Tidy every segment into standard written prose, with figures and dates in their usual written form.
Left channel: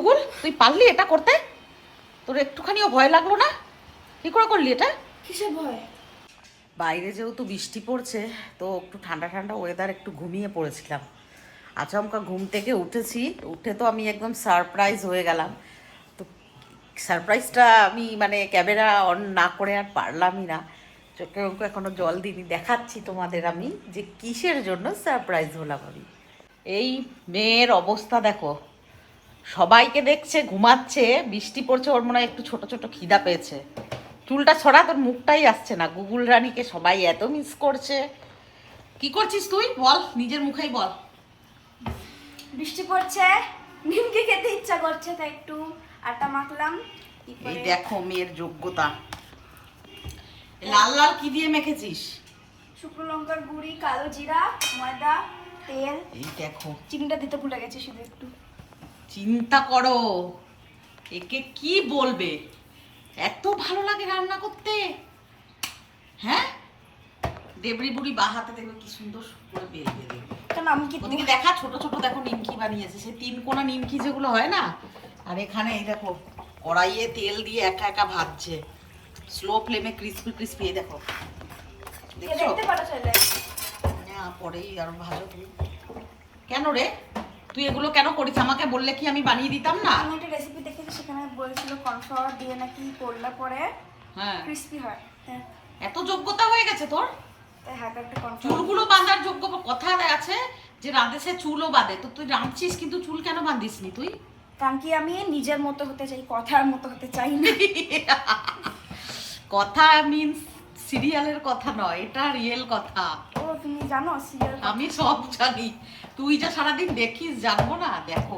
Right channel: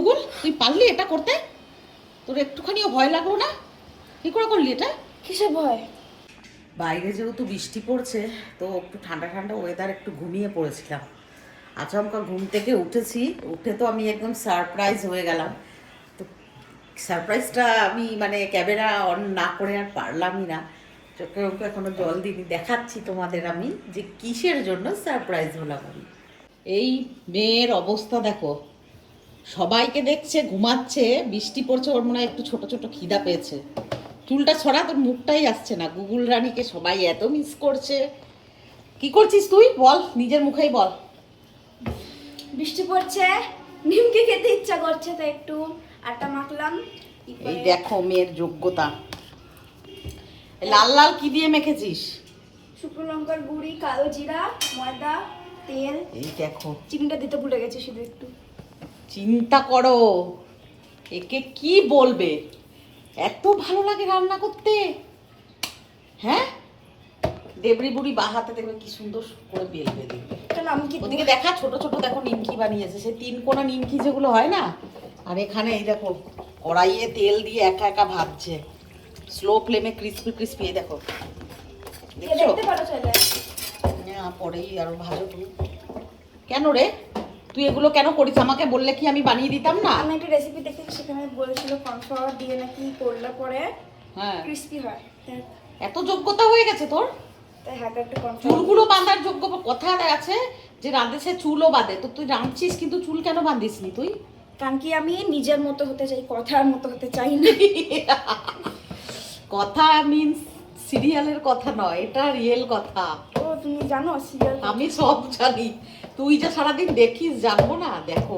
Google, তুই পারলি এটা করতে? তোর একটুখানিও ভয় লাগলো না? কি করে করলি এটা? কিসের ভয়? বাইরে যেহেতু বৃষ্টি পড়ছে তো একটু ঠান্ডা ঠান্ডা ওয়েদার, একটু ঘুমিয়ে পড়েছিলাম। আচমকা ঘুম থেকে উঠেছি, উঠে তো আমি একদম সারপ্রাইজ হয়ে গেলাম। তো সারপ্রাইজটা আমি মানে ক্যামেরা অন না করে আর পারলামই না, চোখে ওকে এখনো জল দিইনি। দেখাচ্ছি তোমাদের আমি যে কিসের জন্য সারপ্রাইজ হলাম আমি। এই মেয়ের অবস্থা দেখো, সবাইকে দেখছে ঘুমাচ্ছে, বৃষ্টি পড়ছে, ওর মনে হয় একটু ছোট ছোট খিদা পেয়েছে। চুলটা ছড়া, তোর মুখটাই আসছে না। গুগল রানীকে সবাই এত মিস করছে। কি করছিস তুই বল, নিজের মুখেই বল। বৃষ্টি পড়ছে, নিমকি খেতে ইচ্ছা করছে, তাই একটু আটা মাখলাম। এই দেখো মেয়ের যোগ্যতা। লাল লাল কি দিয়ে মেখেছিস? শুকনো লঙ্কার গুঁড়ি, কালো জিরা, ময়দা, তেল। এই দেখো, চিনিটা দিতে ভুলে গেছি শুধু একটু। চিন্তা করো একে কি বলবে, এত ভালো লাগে রান্না করতে। হ্যাঁ, দেবরি বুড়ি বা হাতে দেখবে কি সুন্দর করে বেলবে দেবে। কেন আমি কি ওদিকে দেখা, ছোট ছোট দেখো নিমকি বানিয়েছে, সেই 3 কোনা নিমকি যেগুলো হয় না। আর এখানে এই দেখো কড়াইয়ে তেল দিয়ে একা একা ভাজছে, স্লো ফ্লেমে, ক্রিস্পি ক্রিস্পি। এই দেখো, দেখছো? দেখতে পারো চলে। না, পরেই আরো ভাজো তুমি। কেন রে, তুই এগুলো কেন করিস? আমাকে বললে কি আমি বানিয়ে দিতাম না? আমি একটা রেসিপি দেখেছি, সেখানে বলেছিল কর্নফ্লাওয়ার দিয়ে নাকি করলে পরে হ্যাঁ, ক্রিস্পি হয়। এত যোগ্যতা হয়ে গেছে তোর? তাই হাতে একটু কর্নফ্লাওয়ার। চুলগুলো বাঁধার যোগ্য কথা আছে যে রাঁধে সে চুলও বাঁধে, তো তুই রাঁধছিস কিন্তু চুল কেন বাঁধিস নি তুই? কারণ কি আমি নিজের মতো হতে চাই, কথার মতো হতে চাই না। কথা মিন্স সিরিয়ালের কথা নয়, এটা রিয়েল কথা। ও তুমি জানো সিরিয়াল? আমি সব জানি, তুই যে সারাদিন দেখিস জানবো না? দেখো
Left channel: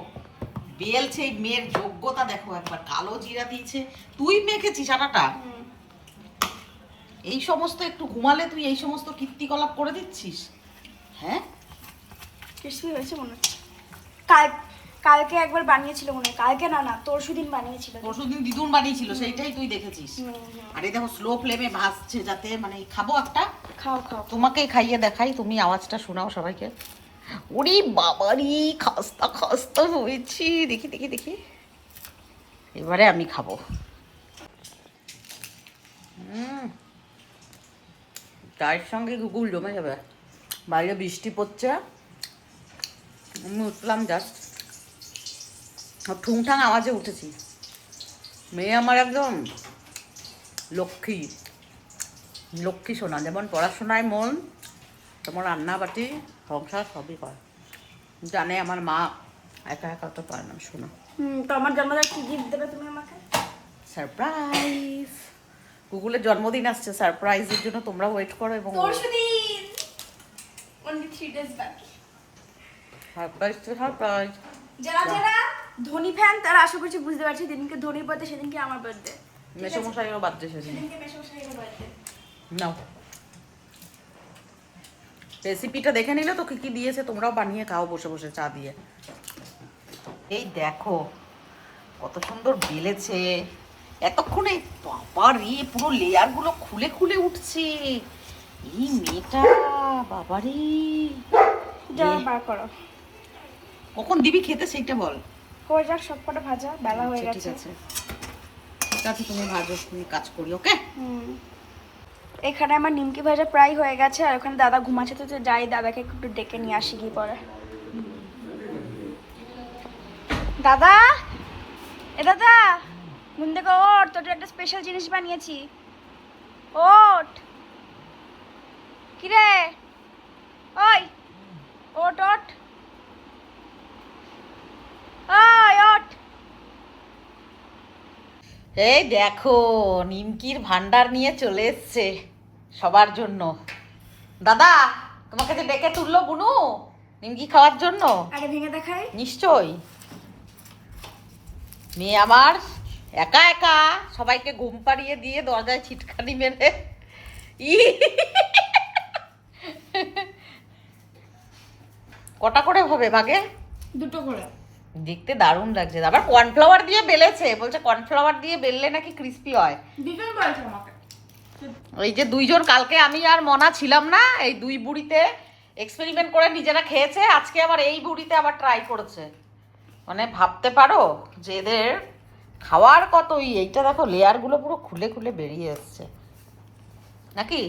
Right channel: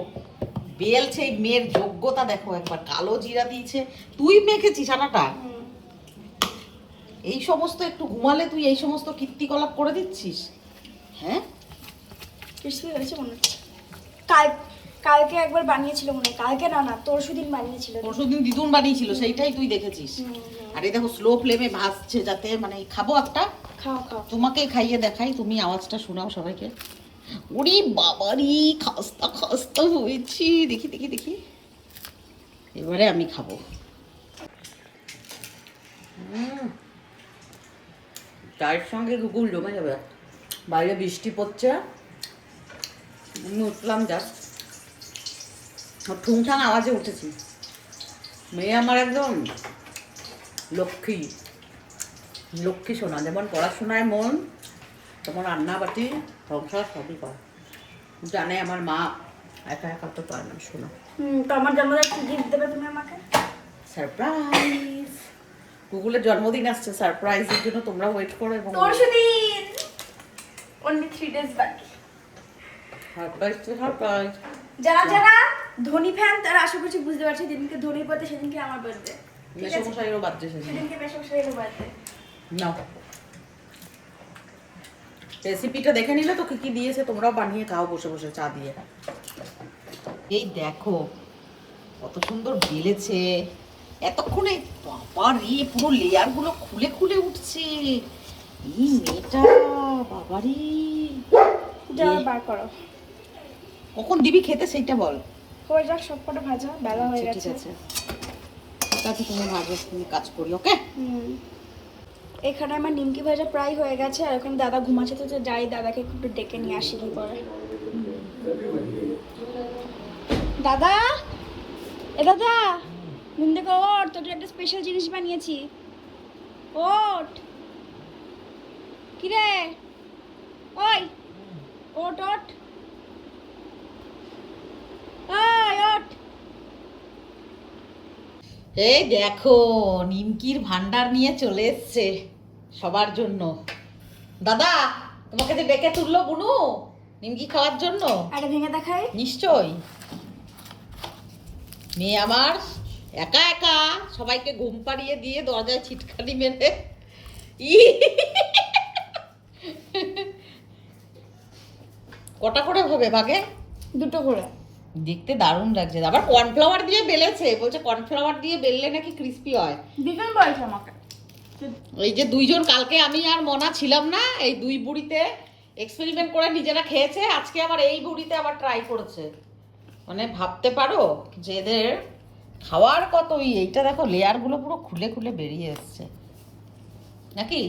বেলছে, এই মেয়ের যোগ্যতা দেখো একবার। কালো জিরা দিয়েছে, তুই মেখেছিস আটাটা। এই সমস্ত একটু ঘুমালে তুই এই সমস্ত কীর্তিকলাপ করে দিচ্ছিস? হ্যাঁ, ক্রিস্পি হয়েছে মনে হচ্ছে। কালকে একবার বানিয়েছিল মনে হয়, কালকে না পরশুদিন বানিয়েছিল। পরশুদিন দিদুন বানিয়েছিল, সেইটাই তুই দেখেছিস। আর এই দেখো স্লো ফ্লেমে ভাজছে, যাতে মানে খাবো একটা। খাও খাও। তোমাকে খাইয়ে দেখাই, তুমি আওয়াজটা শোনাও সবাইকে। ওরে বাবারি, খাস্তা খাস্তা হয়েছি। দেখি দেখি দেখি, এবারে আমি খাবো। চায়ের সঙ্গে গুগল জমে যাবে। বাইরে বৃষ্টি পড়ছে, আমি উঠলাম জাস্ট, ঠুংঠাং আওয়াজে উঠেছি। মেয়ে আমার একদম লক্ষ্মী লক্ষ্মী সোনা, যেমন পড়াশোনায় মন, তেমন রান্না বাটি সংসার সবই করে। জানে আমার মা একা একা তো পারে না শোনা। তো আমার জন্মদিনে কি গিফট দেবে তুমি আমাকে? সারপ্রাইজ। গুগলের জন্মদিন আসছে, সারপ্রাইজের জন্য তোমরা ওয়েট করো। এবং পরশুদিন, only 3 days বাকি। সারপ্রাইজ তো সারপ্রাইজ। যারা যারা ধনী ফ্যান তারা আশা করছি বুঝতে পারছে, যেদিনকে ধনীর বার্থডে সেদিনকে আমার বার্থডে। মেসমশাইয়েরও বার্থডে সেদিন। সেদিনকে মেসমশাইয়ের বার্থডে। নাও, রেসিপিটা দেখে নিলে তো কি কি দিয়েছে, তোমরাও বানিয়ে খাও বসে বসে চা দিয়ে। এই দেখো কত সুন্দর বেলেছে এতক্ষণে। বাবারে, পুরো লেয়ার গুলো খুলে খুলে উঠছে। এই মেয়েটা বাবারে। যারা বার করো, কখন দিবি খেতে সেইটা বল। হয়ে যাক সবকটা ভাজা, বেলা হয়ে আচ্ছা, গেছে। ঠিক আছে ঠিক আছে, তুমি ভাজো, তুমি কাজ করি। ওকে, এখানে আমার নিমকি ভাজা প্রায় হয়ে গেছে, আর ওখানে দাদা ঘুমাচ্ছে, তো যাই দাদাকে একটু ডেকে নিয়ে আসি কি পরে। দাদা, এ দাদা, ঘুম থেকে ওঠ, তোর জন্য একটা স্পেশাল জিনিস বানিয়েছি। ওঠ। কিরে, ওই ওঠ ওঠ, ওই ওঠ। এই দেখো নিমকির ভান্ডার নিয়ে চলে এসছে সবার জন্য। দাদা তোমাকে যে ডেকে তুললো বুনু নিমকি খাওয়ার জন্য। আগে ভেঙে দেখাই। নিশ্চয়ই, মেয়ে আমার একা একা সবাইকে ঘুম পাড়িয়ে দিয়ে দরজায় ছিটকানি মেরে কটা করে হবে ভাগে? 2টো করে। দেখতে দারুণ লাগছে। আবার কর্নফ্লাওয়ার দিয়ে বেলেছে, বলছে কর্নফ্লাওয়ার দিয়ে বেললে নাকি ক্রিস্পি হয়। দিবেন বলেছে আমাকে। এই যে দুইজন, কালকে আমি আর মনা ছিলাম না, এই দুই বুড়িতে এক্সপেরিমেন্ট করে নিজেরা খেয়েছে, আজকে আবার এই বুড়িতে আবার ট্রাই করেছে। মানে ভাবতে পারো যে এদের খাওয়ার কতই, এইটা দেখো লেয়ারগুলো পুরো খুলে খুলে বেরিয়ে এসছে নাকি।